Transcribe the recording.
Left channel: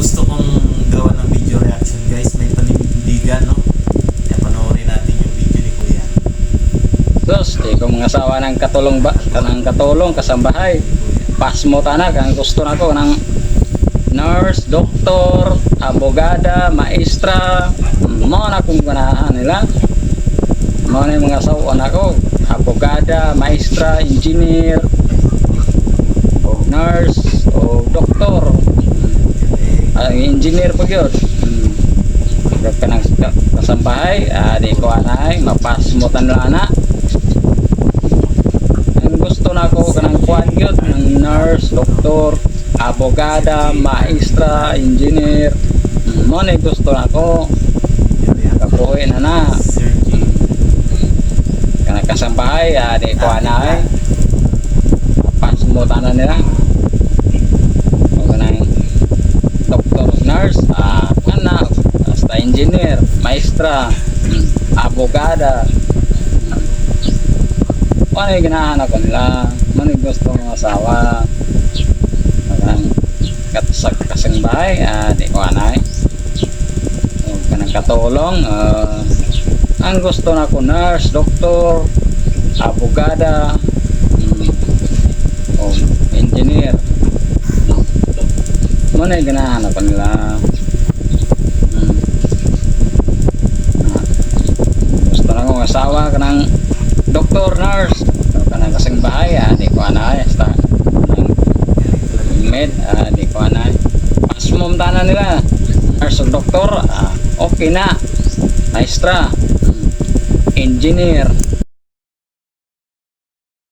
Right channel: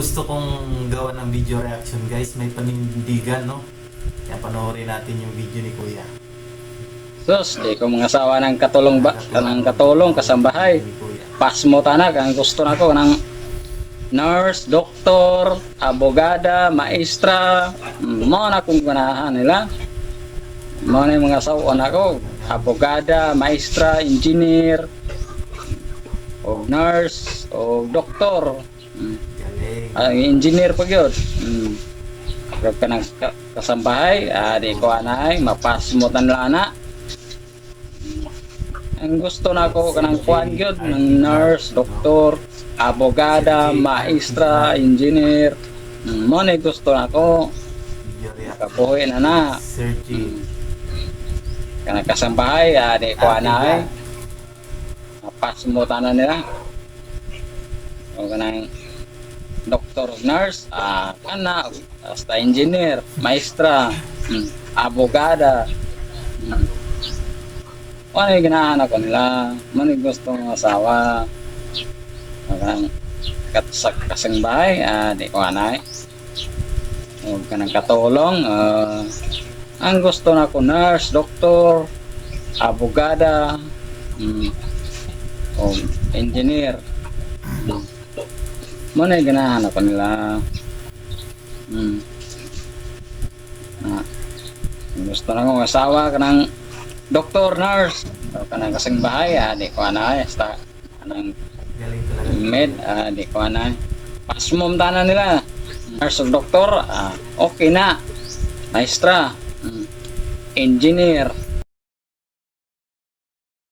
gusto kong gawa ng video reaction guys, may panindigan no. Kaya panoorin natin yung video ni Kuya. Sus, di ko mga asawa ng katulong ba, kanang katulong, kasambahay. Pas mo tanak, ang gusto na ko ng nurse, doktor, abogada, maestra, mo na kung ganahan nila. Mo na yung mga asawa na ko, abogada, maestra, engineer, o nurse, o doktor. Ang engineer pa yun. Hmm. Pag ka ng ka- kasambahay, ah, di ko anay, mapas mo tanla na. Ang gusto na ko kanang kuan yun, ng nurse, doktor, abogada, maestra, engineer. Mo na yung gusto na ko, kapuhin na na. Kanang kasambahay, ah, di ko anay, mapas mo tanan nila. O kanang doktor, nurse, ah, kana, basta engineer, maestra, mm, abogada. Ano yung ginahanap ko nila? Ano yung gusto ng asawa? Kanang katasag kasang bahay, ah, di ko anay. O kanang katulong, ah, ang gusto na ko nurse, doktor, abogada, mm, o engineer. Mo na yung ginahanap nila. Mm. Ah, gusto na kong asawa ka ng doktor, nurse, o ka ng kasing bahay, ah, di ko anay, basta talaga. med, ah, di ko anay. Pasmom tanan nila. Nurse o doktor, ah, okay na. Maestra, mm, engineer,